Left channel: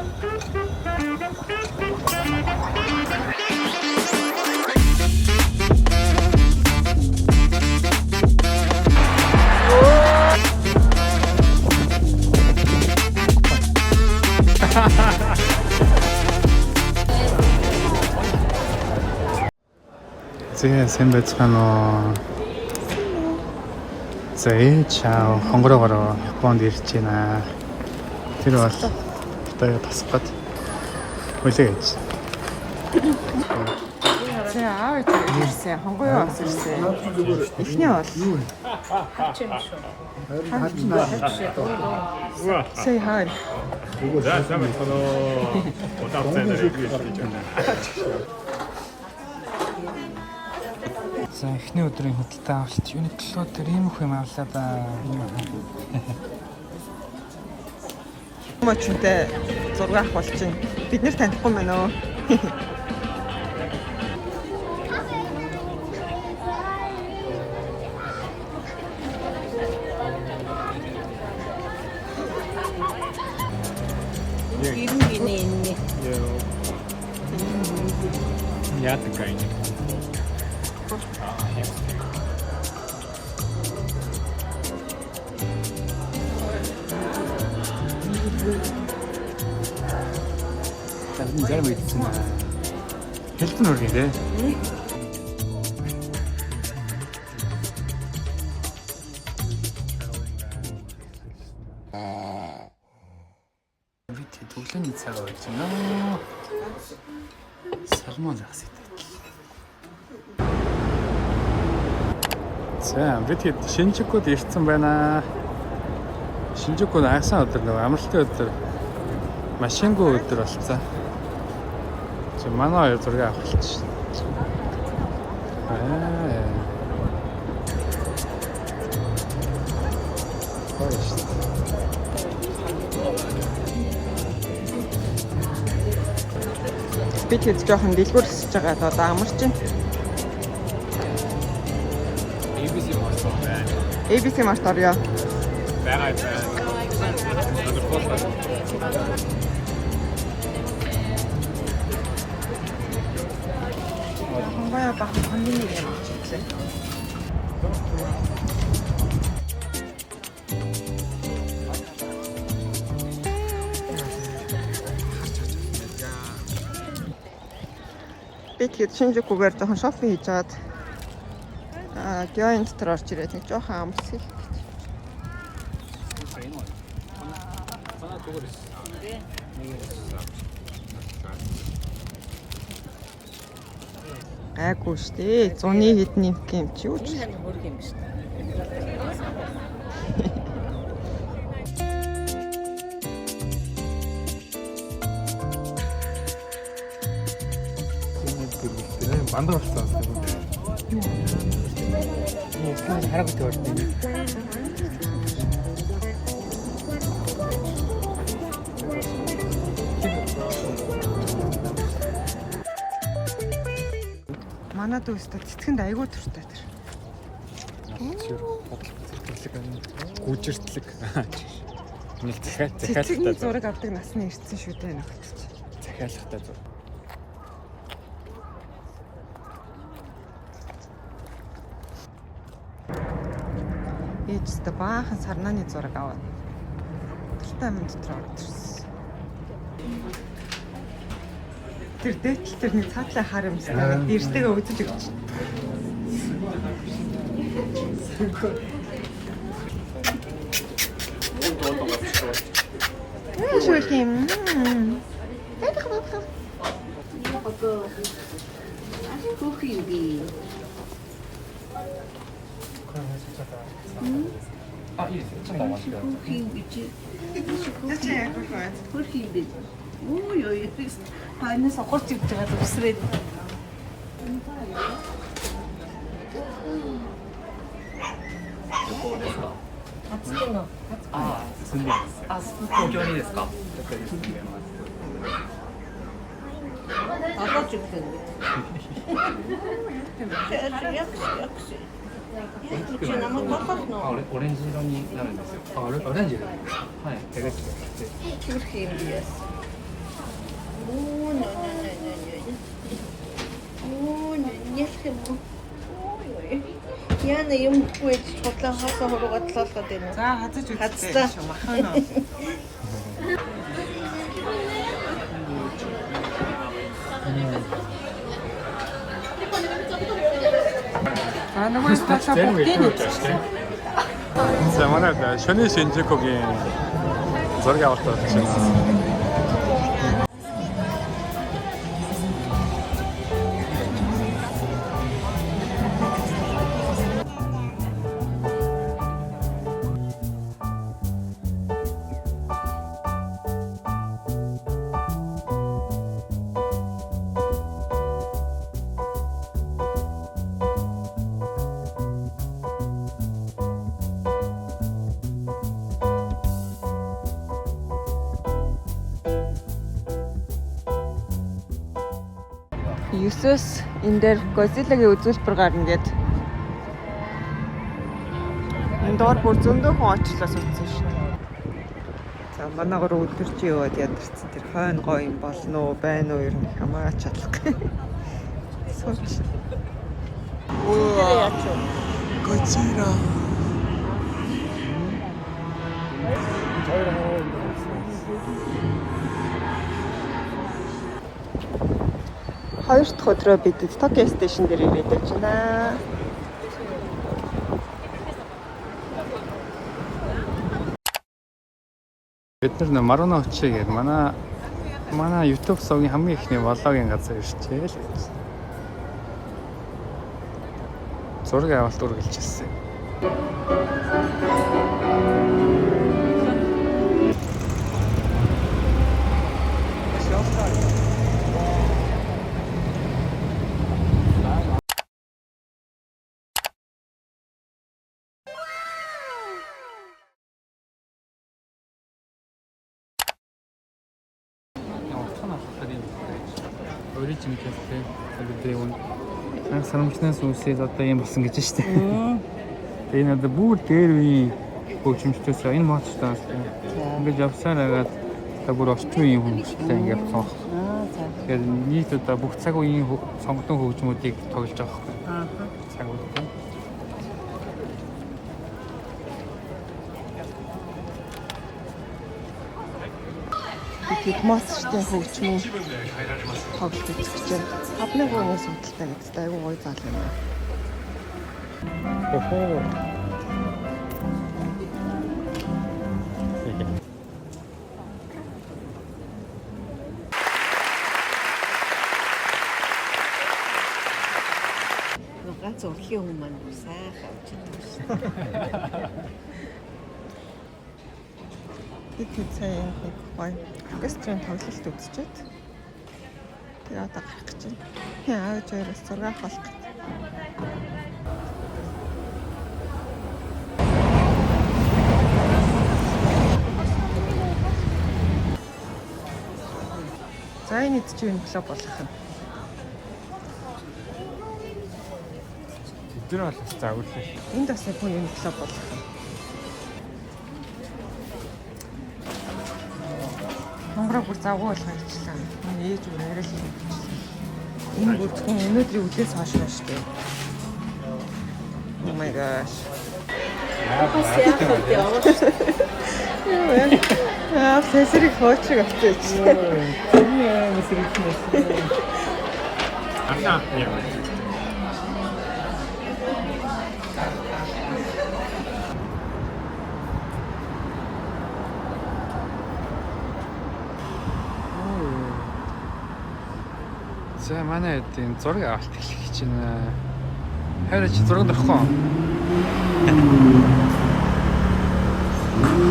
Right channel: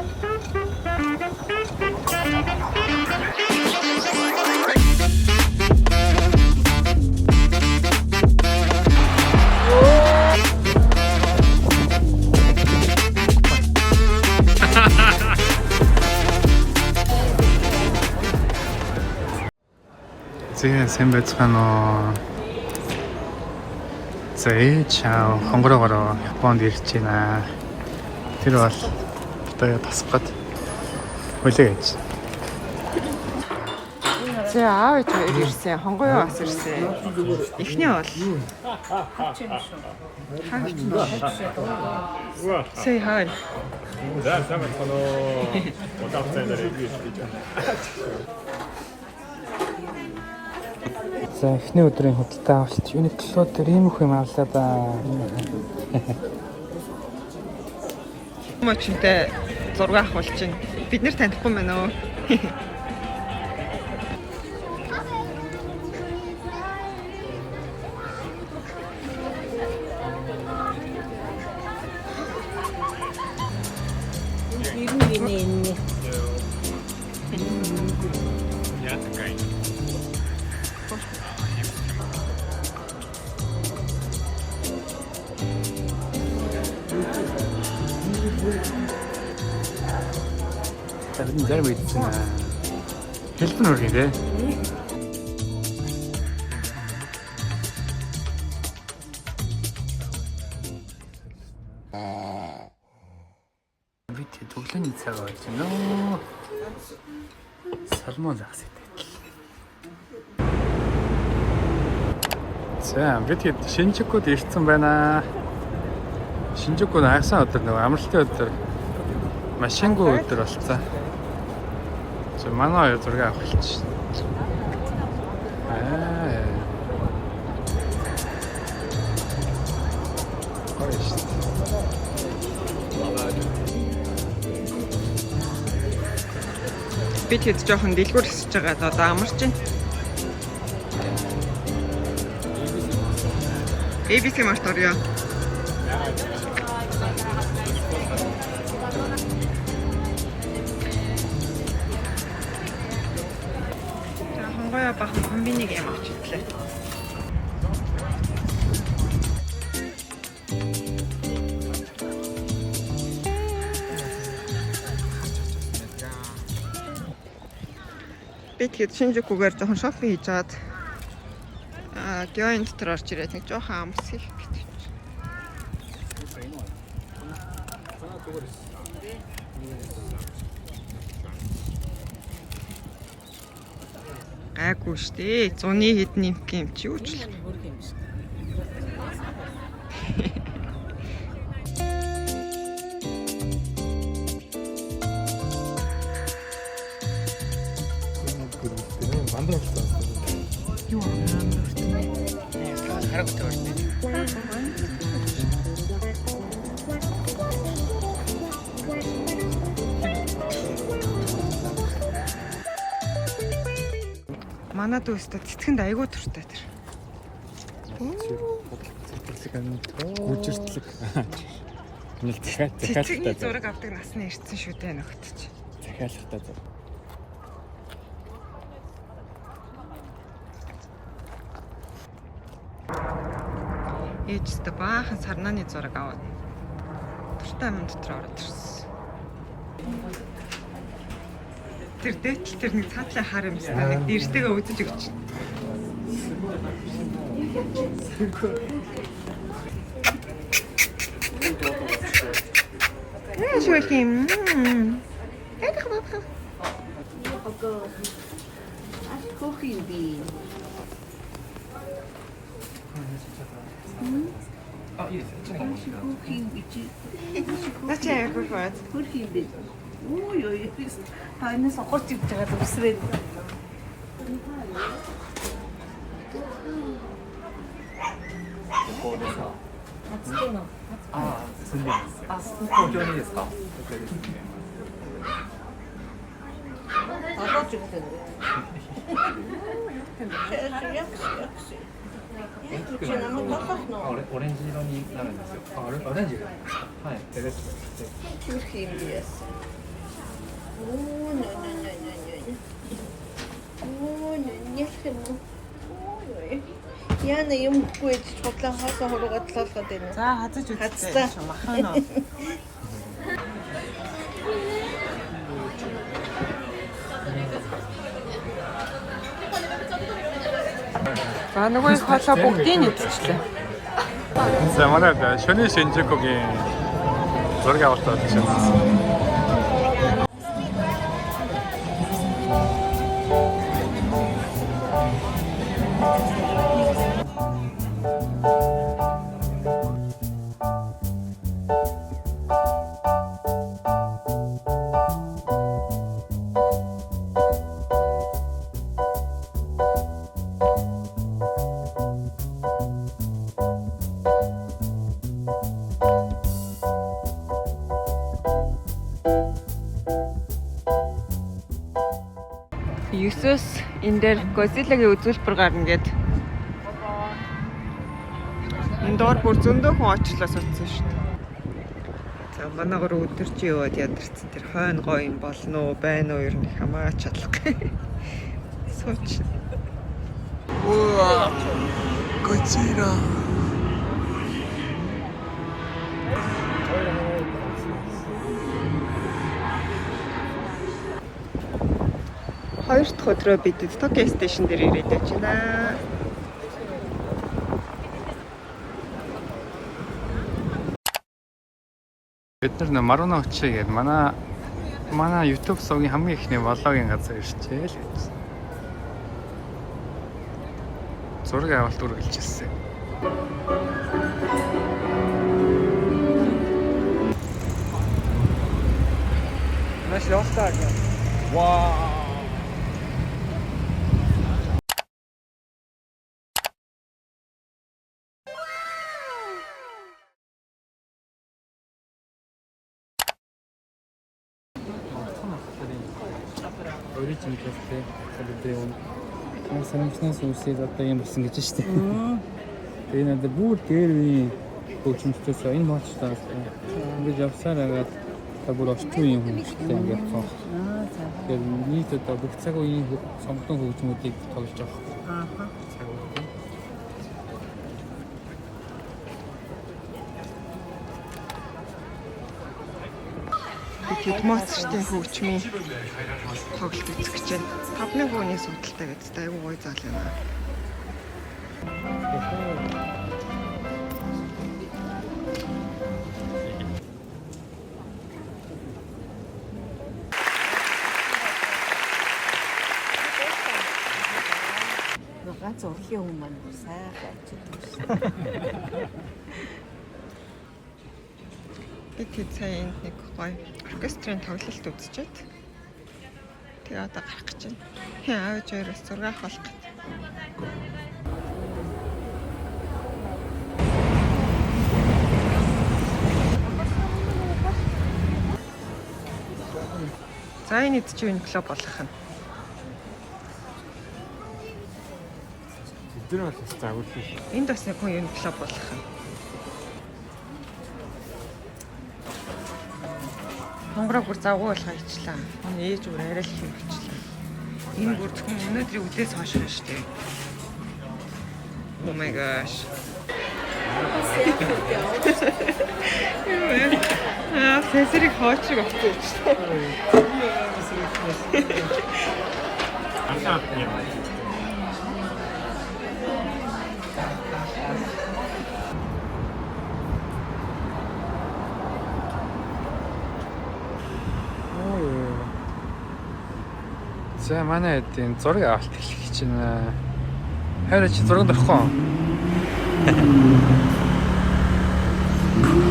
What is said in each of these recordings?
Зээ сайн байцгаана уу. За чао хонгороогоор Японд ирж байна. Тэр бол одоо тасах гээд хүлээж. За аав ирсэн, хонгоёо бас ирсэн. Эхний бол хавч юм шүү. Say hi. За сайн байна уу. Удаацсан дээр ирж байна. За эхний өдрийн худалдаа авалт Uniqlo дээр ийм их юм авлаа да. Мочтой зураг авах бол чинь бид нэр танихгүй мэн үү? Бид зарим ийдсэн хэлбэн үргэн тий. Бид төглөөний цаг болж байна. Салмон захс идэх. За бид Шинжукуд ирсэн байна. Шинжукуд агсан өдөр нөгөө амралтын өдөр машингүй өдөр болцсон. Манай зураг авахч. Бид хэд жоохон дэлгүүр хэсэж байгаа одоо амарч байна. ABC март орё. Хонгоёо баг комбиниг юм авчихлаа. Бид хэд Шинжукугаар жоохон шопинг хийж чад. Гёйн дотор орж ирээд нэг жоохон амс хийх гэж. Гайгүй штэ. 100-ны хэдэн юм чи юу ч. Мандаа болчихсон. Юу? Харагтай байна. Манай дүүстэй цэцгэнд айгүй туртай тэр. Гүжиртлэг. Нэг Цэцгийн зураг авдаг насны ирсэн шүү дээ нөхөд. захиалгатай зураг. Ээжтэй баахан сарнааны зураг аваад туртай юм дотор ороод ирсэн. Тэр дээтэл тэр нэг цаатлаа хар юм шиг дэртэйгээ үздэг. Шүлхим. Начаа яах вэ? Ой ой ханаас онгорч ивж байгаа өвсрээд. 오렌지色になるんですよ。オレンジ。はい。手で作って。Turkiyim diyorsun. Оо нэ юм. Ой. Яна юм гүйж хутлаа хаасаа хуруугаад толгоод байна. За хазаж Хацлаа. үзлээ. Махана. За нөгөө их хоолой бүгдийг нэвччихлээ. За манай шөнийн Шинжикогийн зураг авалт болж байна. Юсус энэ дээр Godzilla-гийн үзүүлбэр гарна гэд. Энэ доор бүр зөндөө хүн очлоо суудсан шүү дээ. За манайгаар өдөрч яваад ядарсан тэр хойно гоё юм болно уу, байна уу ер нь хамаач чадахгүй. Сууч. Уа. Godzilla. Хоёр дахь өдрөө бид Токио стейшн дээр ирээд байна. Бид нар Маруна Очи гэдэг манай YouTube сувгийн хамгийн ихний влогийн газар ирчээ л гэж. Зураг авалт үргэлж ирсэн. Origin Cafe гэдэг юм. Яг санамжнаас үүсээд одоо юм болсон гэж штэ. Тэгээ энэ одоо бүр дээр үеийн хөгжимчдээс энэ моцтаас ингэж явсаар агаад одоо бүр орчин үеийн хүмүүстэй ингээд цонх. Тэгэхээр нийт одоо бүх цаг үеийн сонгогдсон хөгжмүүдийг тоглож байгаа байхгүй. Цаг үеийн. Бид моцтой хөгжмөн тоглож үзэх гэж байна. Хавны гооны судалтай гэдэг айгүй гоё зал юм. Ганц урхийн хүн маань сайхан авч идэв. Бид сая нэг гоё оркестрийн тоглолт үзчихэд тэгээ одоо гарах гэж байна. Аавч өөрөөс зураг авах гэж. За энэ ч юу клуб болох юм. Тэр бол загварлаа шүү. Энд бас нэг хүн юу клуб болох юм. Хонгороо бүр завгүй болох ажлаа. Ээж бүр арай л юм болчихлоо. Энэ бүрцхэн өнөөдрийн үдээс хойш байна шүү дээ. Oh my gosh. Сэсрийг фоч авчихсан. Ахаа яа. За манай эдийн зураг авалт хэлэх гэж байна. Хайраа чи зураг дөрөхгүй.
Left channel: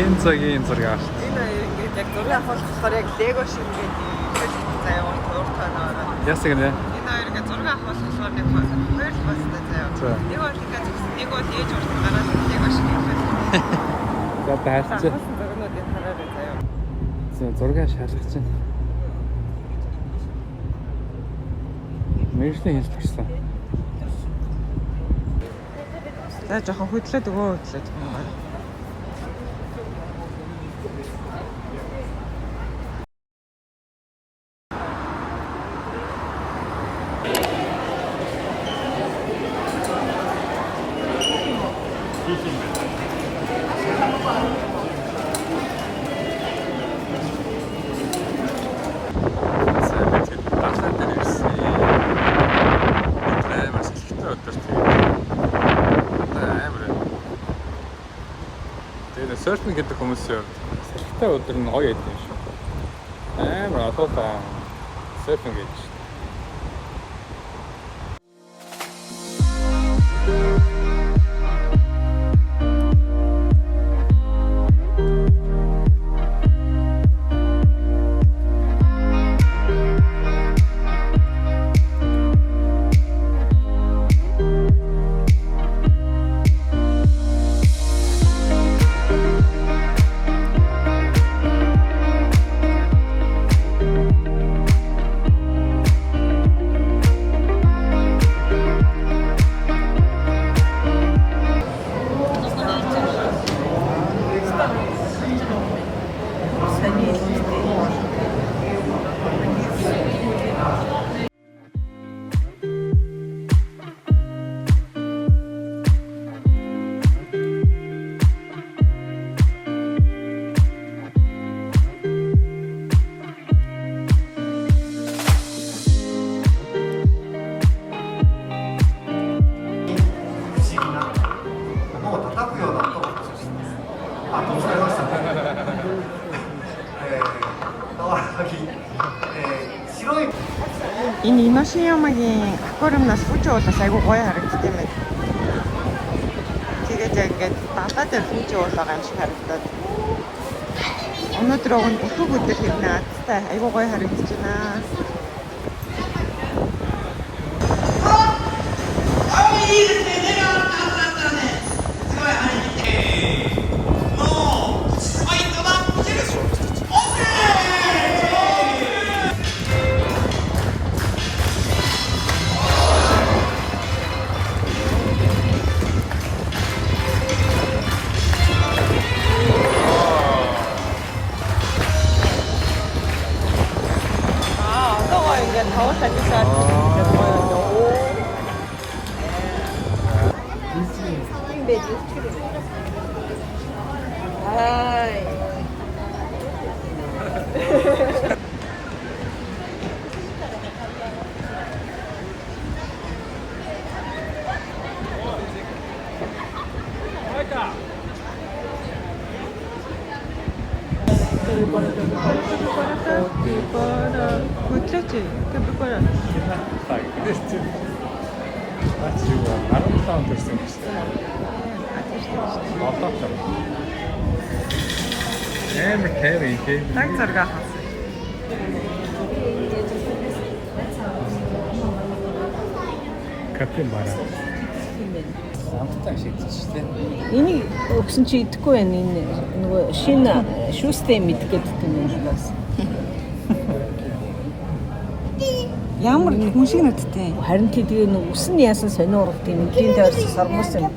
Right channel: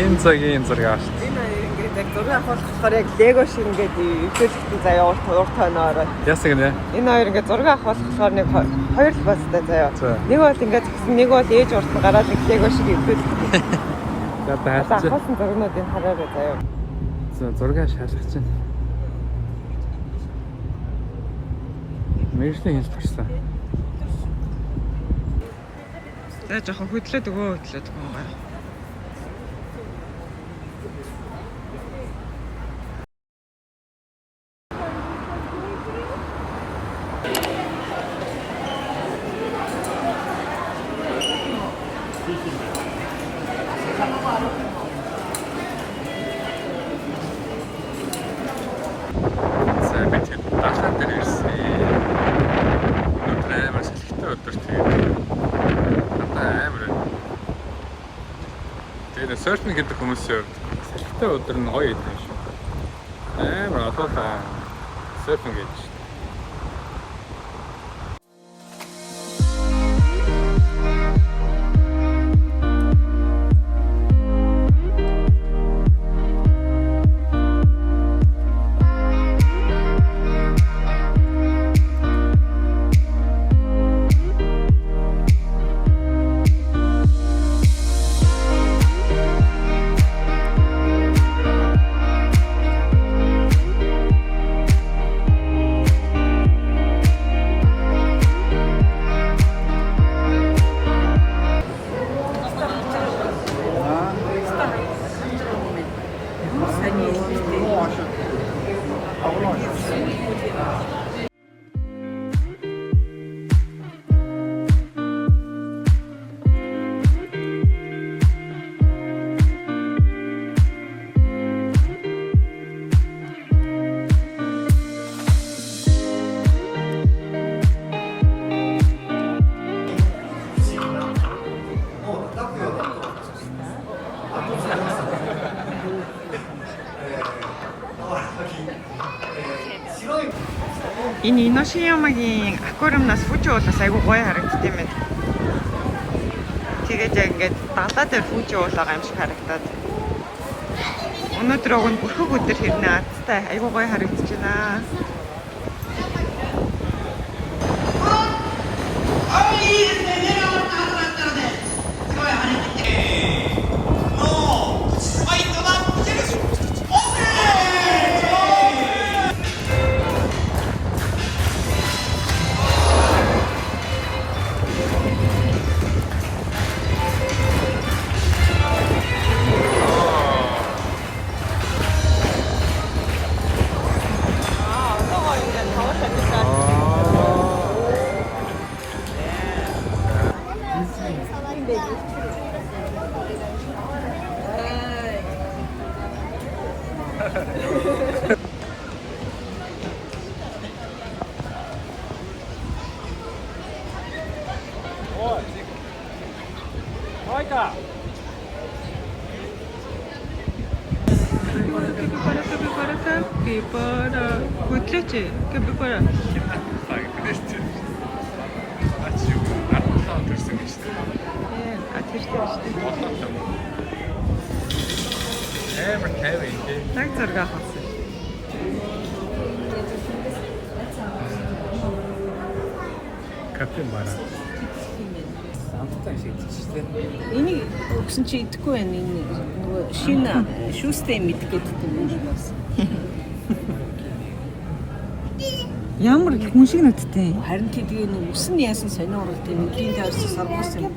Энэ цагийн зураг авалт. Энэ ингээд яг зураг авахлахаар яг лего шиг ингээд ихэвчлэн заяа урт тойноор. Ясаг нэ? Энэ хоёр ингээд зураг авахлахаар нэг хоёр л бастай заяа. Нэг бол ингээд тэгсэн нэг бол ээж урт гараад лего шиг ихэвчлэн. За таарч. Хасан зургуудыг хараарай заяа. Зураг шалгах чинь. Мэргэжлийн хэлбэрсэн. За жоохон хөдлөөд өгөө хөдлөөд байгаа. Surfing гэдэг хүмүүс салхитай өдөр нь гоё идэв шүү. Амар атуутай surfing гэж. Энэ Иношиямагийн аквариумнаас фужиудаас айгүй гоё харагддаг юм байна. Тэгээд яг ингээд далаа дээр фужиуд байгаа юм шиг харагдаад. Өнөөдөр огт бүрхэг өдөр хэрнээ азтай айгүй гоё харагдаж байна. Хөдлөөч. Гэвгүй гоё. Так зэрэг хаа. Кафе бар. Амттай шиг шүү дээ. Энийг өгсөн чи идэхгүй байна энэ нөгөө шинэ шүүстэй мэдгээд байна бас. Ямар хүн шиг нүдтэй. Харин тэгээ нэг үсэн яасан сонио уралд юм эдийн тойрсон сармус юм.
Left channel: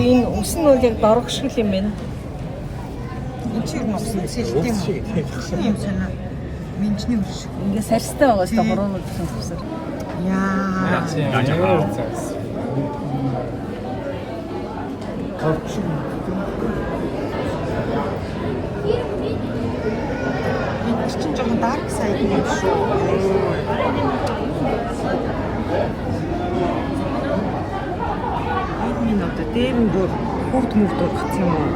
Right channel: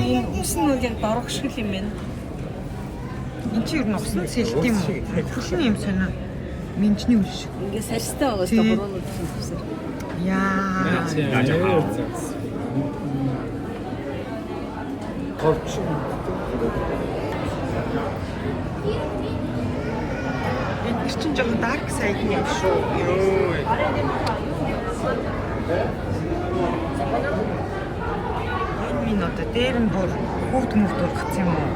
Тийм үсэн нь яг дорог шиг юм байна. Энд чи юу нөхсөн сэлт юм уу? Шинэ юм санаа. Минжний үш шиг. Ингээ сарстай байгаа ч буруу үсэн үсэр. Яа. Энэ чинь жоохон dark side юм шүү. Энэ одоо дээр нь бүр хүүхд мөвд ургацсан юм уу?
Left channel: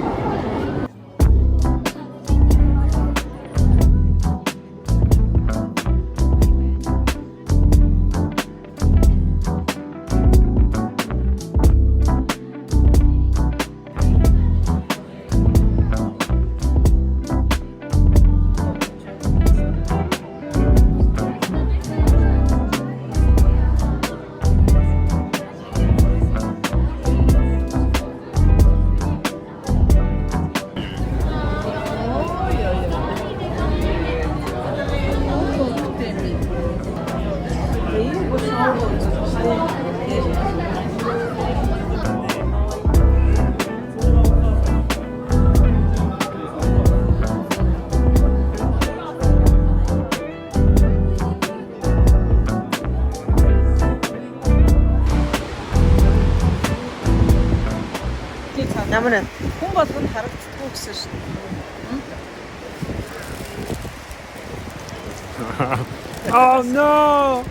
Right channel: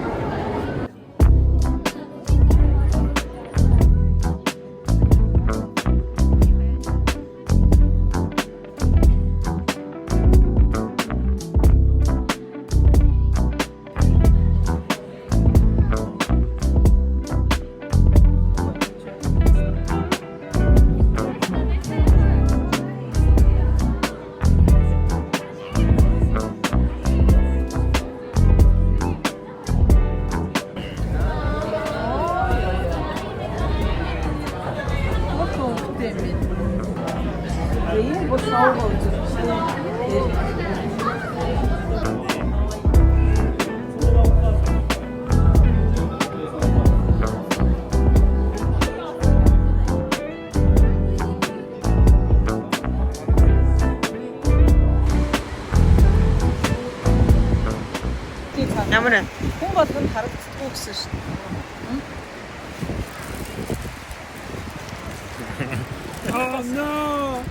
Ямар вэ? Хүн болгонд харагддаггүй гэсэн шүү дээ. Oh no.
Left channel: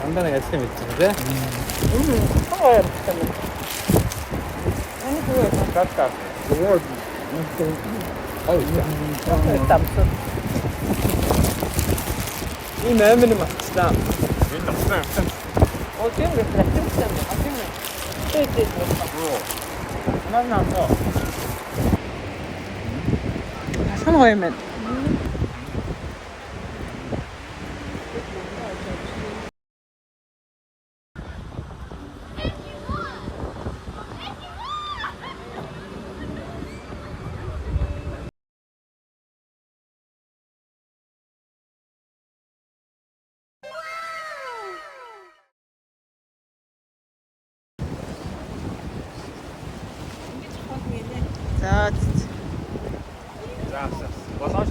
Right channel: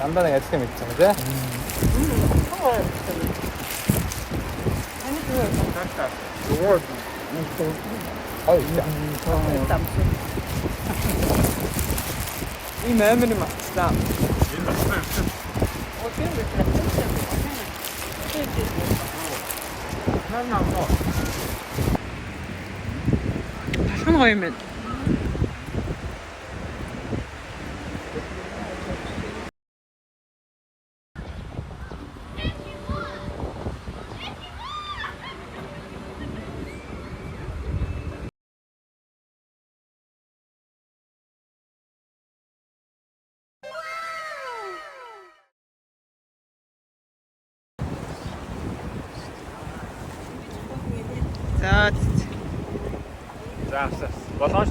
Дандаа яцсан мэт тийм үү? Таних юу вэ? Дартаа. Ийм амир юм аа. Наа. Хэн гоё юм бэ? За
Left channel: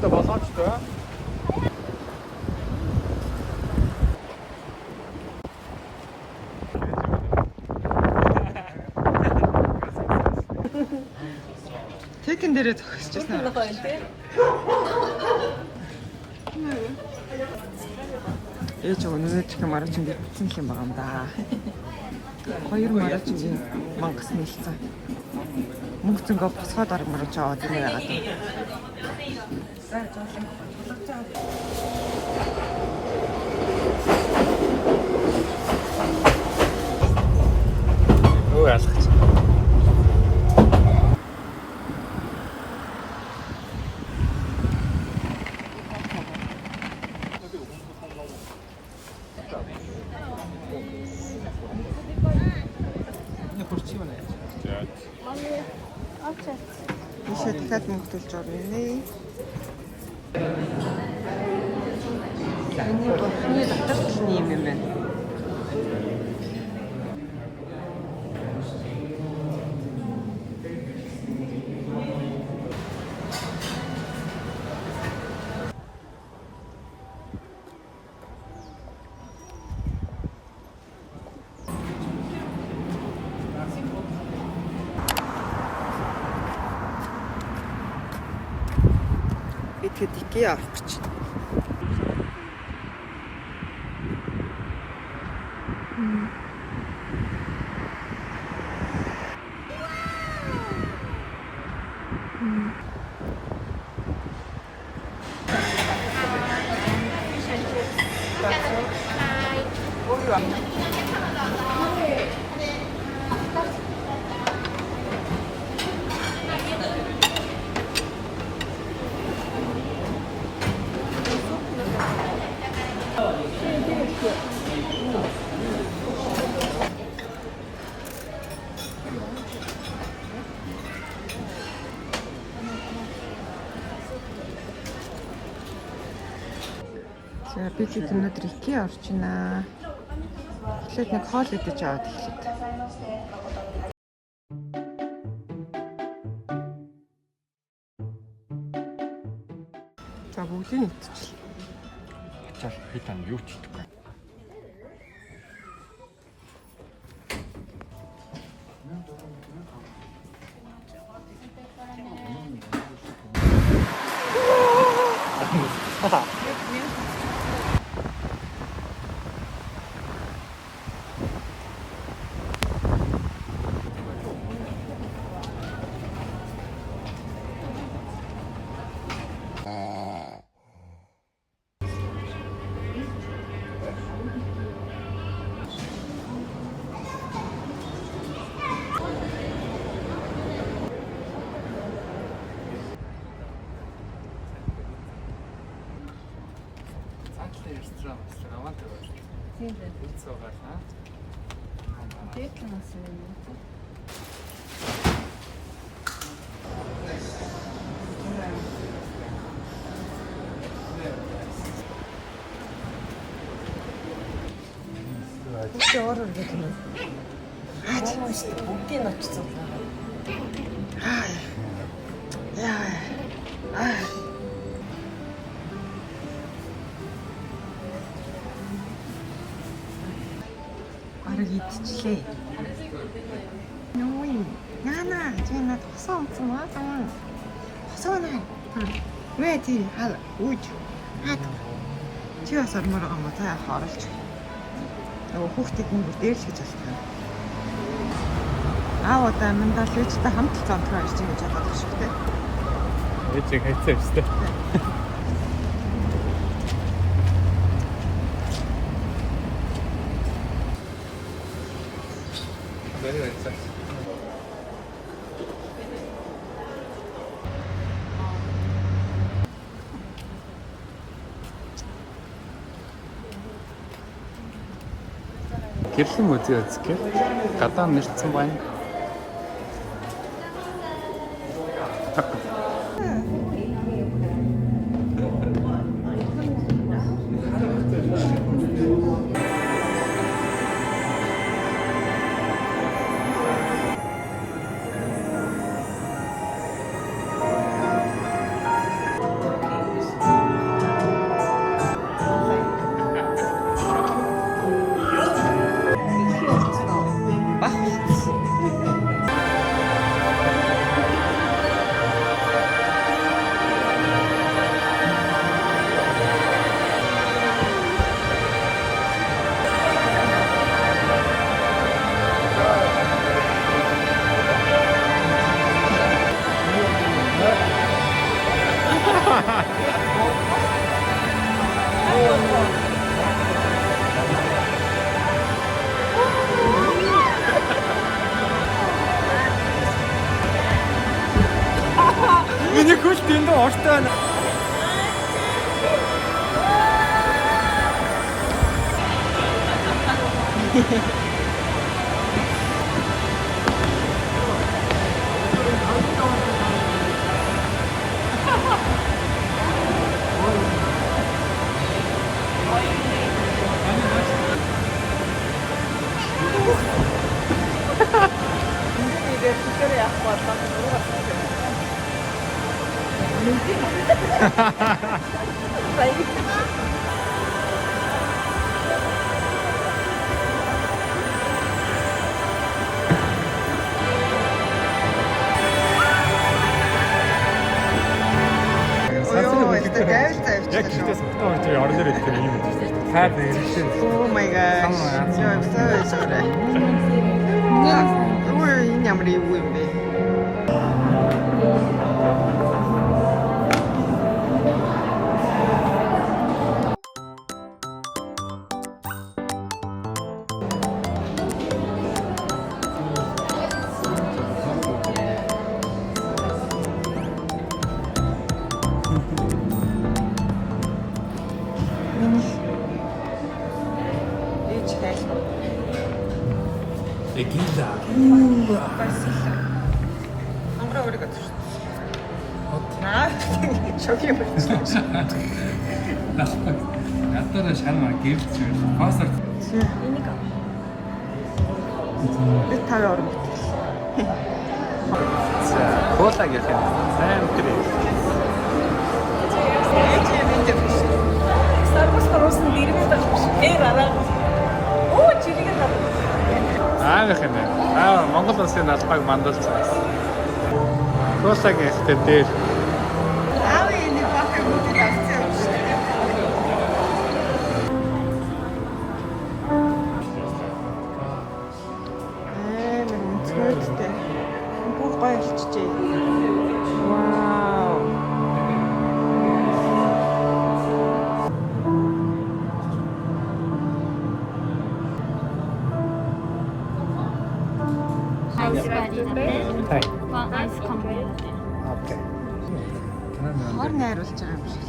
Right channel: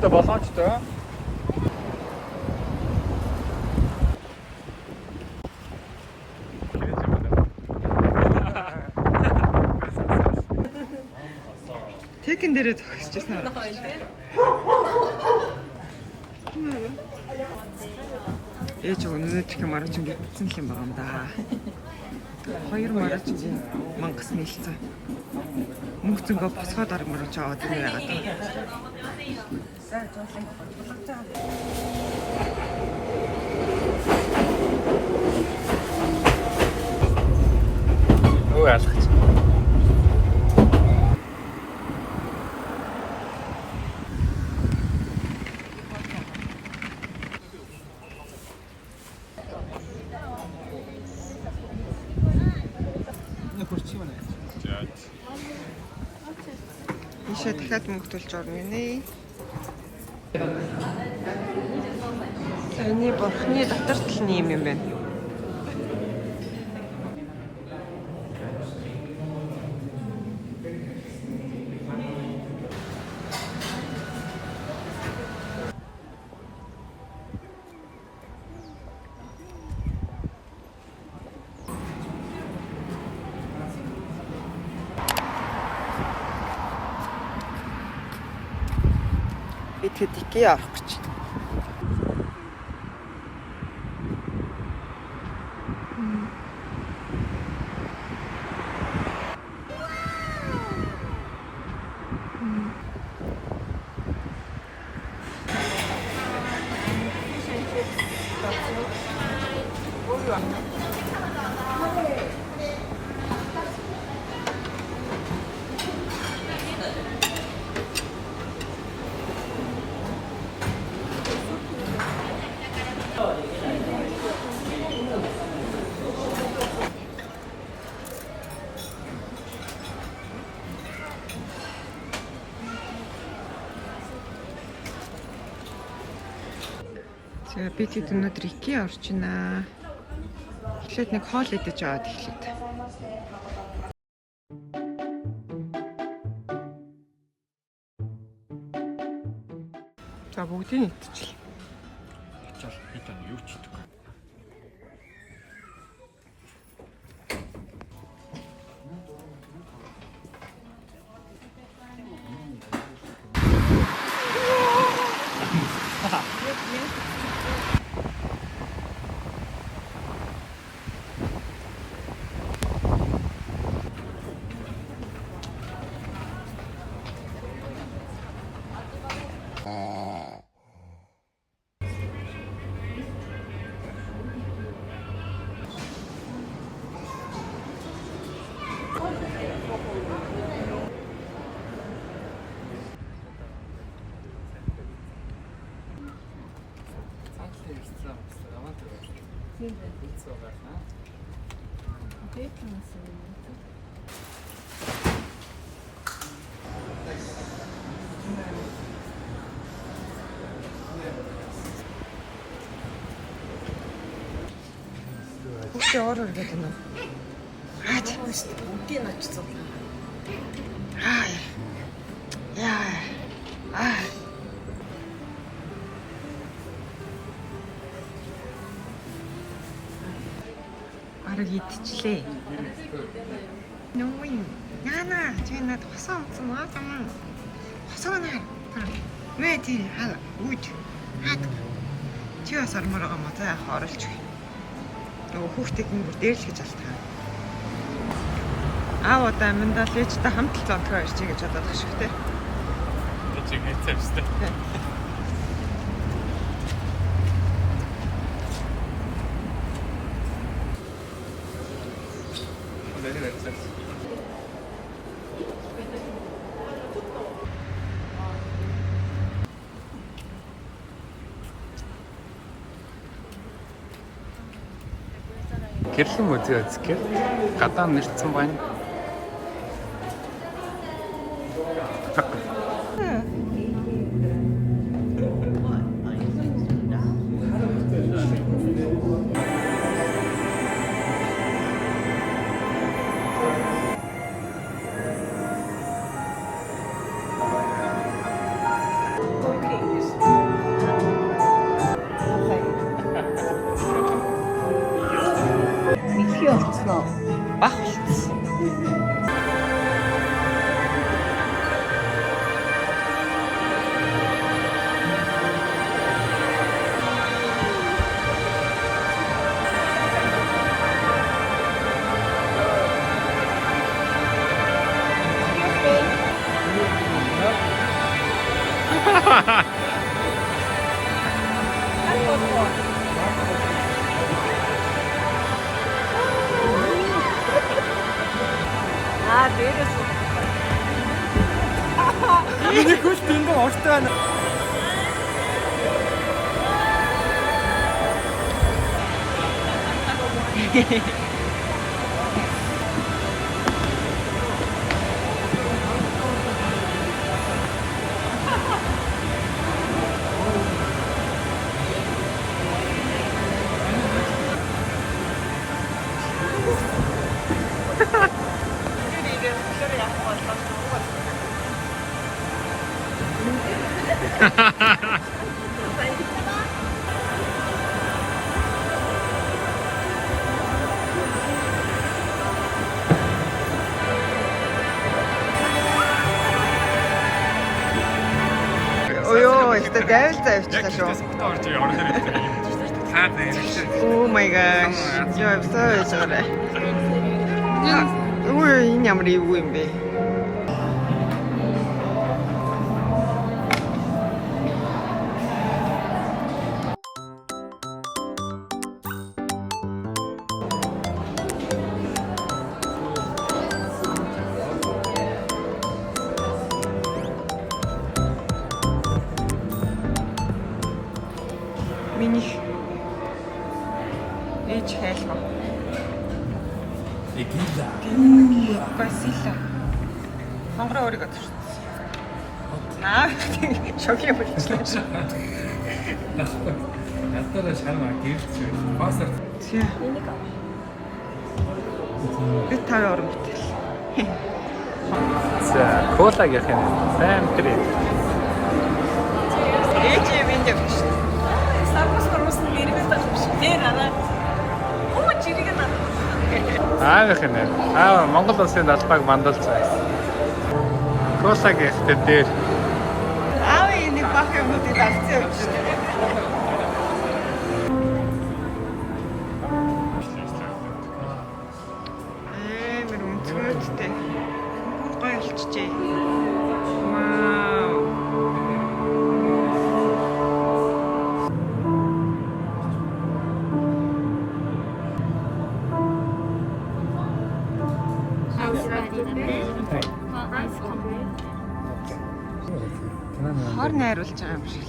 Боломжтой. Тэкэн дээрээ зогсчихсан аа. Ээж өнөөдөр их маран чинь бүтсэн юм байгаа юм да. 2 чинь мангас нэлсэн. Мөнгөцөнгөө босгоод арга маран чаа одоо юм яагаад. Юу яах вэ? Ийшээ дахиад мөнгө төлж орно нэ. Эний бурхны дотор тал нь юм байна. Бид икеа авах гэж. За бид өнөөдөр икеа орж байна. Эхлээд нэг хоол идэж аваад эхлэв. За бүгдийг идчихлээ. Чааш би тань юу ч идэхгүй. Бүгд ороо гэдэг юм. Аа тийм үү шүү дээ. Бүгдийг нь очсон. Яа. Арга идчихлээ. Нүүн. Яна, чи надад хосоо өмсөн маа. Хосоо наа. Мэ тий хаа үүж. Хаад. Чи бас ормоор байгаа мó за оролж. Нөгөө хүүхдийг мөнгө дээр л гэж алт хаа. Аав одоо аминдаа лээжтэй хамт цонтгоо ирж гэж бодоод байгаа шүү дээ. Би чиг хэцээ өстэй. Гэрлэн музей үзэх гадаа нэлцэн байна. Бах. Миний хөл дэндээ ортой байна. Ой, это дайвтай явчихлаа шүү. Хаад нэрсэн. Oh my gosh. Яа, явцаа байж байгаарэ. Ой, энэ ямар юу юм бэ? Миний ээж хайлбар. Эгида. Спасибо. Хонгороо өргөд. Шокийн болчихлоо. Надад шарма гэрч пассер. Энийг аа. Би тав орон бүтэл. За, колагийнх нь сайн тэр. Ээж минь дэвш. Сарбас росын дэрэгтэй тавьчих. Нэр араа. Оо чирэг надад. Аавынх нь. Монгол улсын албааг мандуулж байсан. Колагийнх дээр Аав энэ бахаа бүтэл авцсан юм. Мэр үнцгөөдтэй. Гоё болчихжээ. Вау. Хай. Айс компани. Окей. Хор найруулж байгаа юм шиг.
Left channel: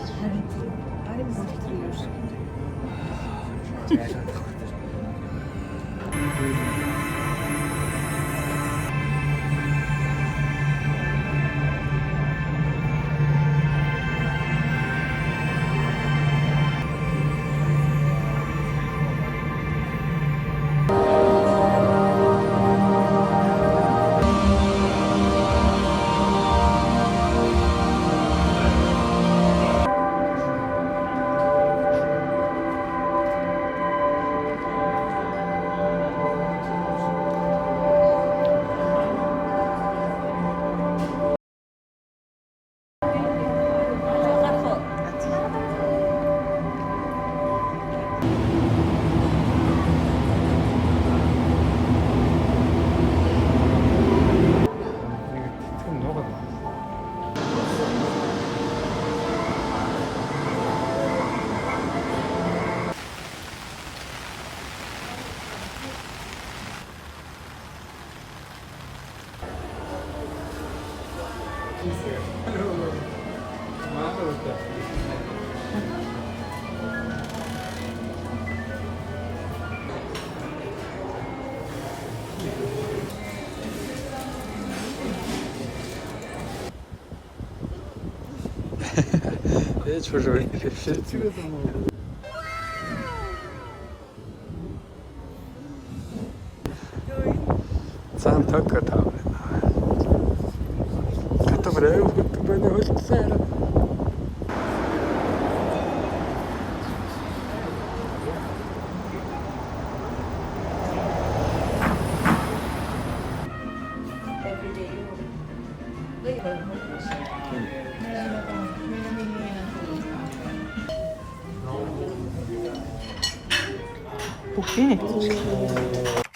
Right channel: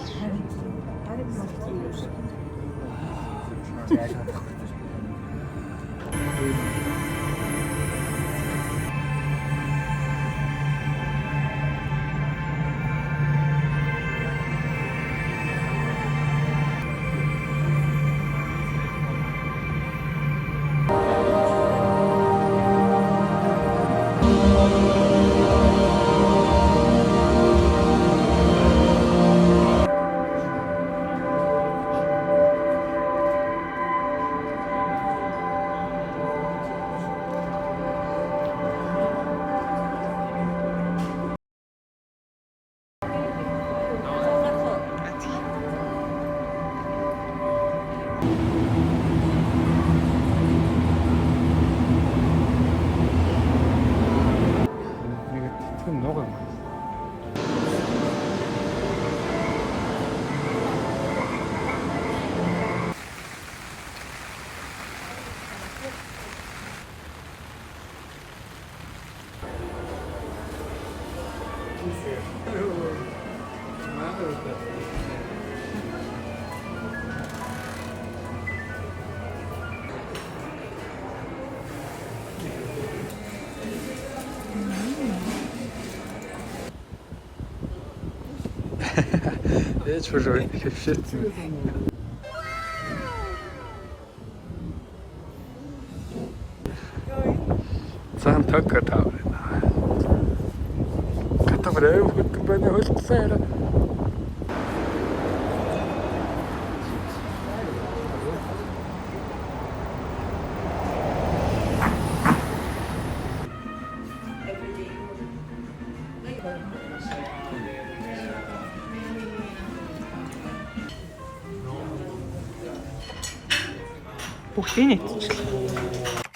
내 조절 실증. Цаан төггөр тавраа. Катавраа бүгд бэнэ хөлтсээр. Бүгдийг нэвччихлээ.